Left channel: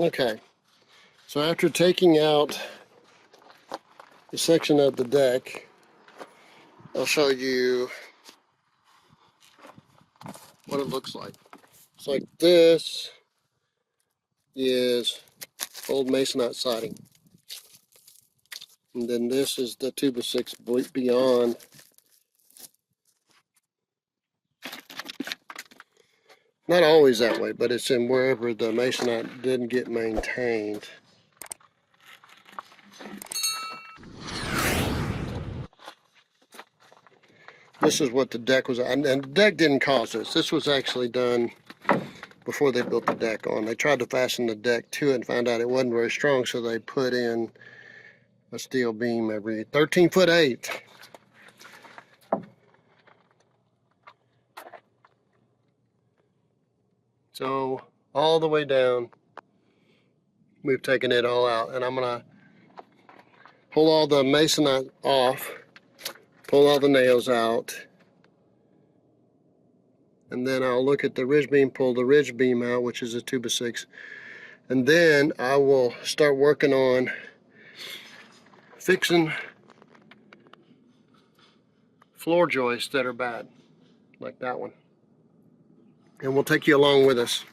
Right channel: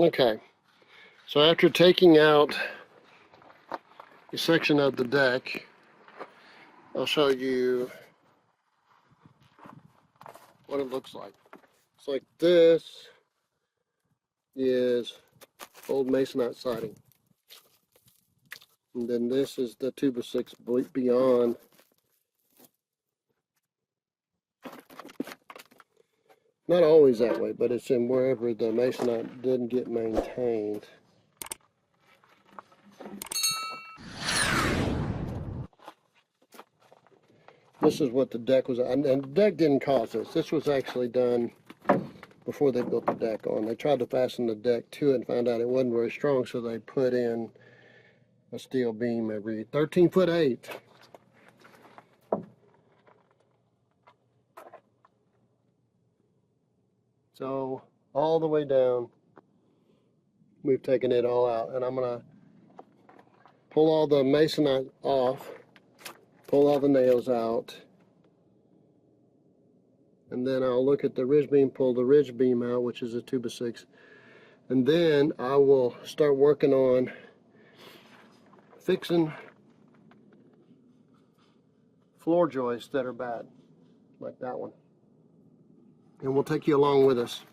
Okay, so after taking out the section of the deck, I'll show you what it looks like. It's like this is old Masonite siding. And then this is the 2x6 beyond. Not always that way, but it's in wherever the Masonite didn't get maintained. This is what the deck was, and the deck didn't cause this. This was actually done before they built the deck on. They tried to fasten the deck to it and found out it wasn't very strong, so they put in a steel beam every 13'8". So all the way down, we've taken it all out, and I'm gonna pull all the Masonite off, pull all the nails out, and then I'll look at the ridge beam, pull the ridge beam out, which is a 2x6, and then I will start working on fixing floor joists that are bad, like that one. And we'll take you along with us.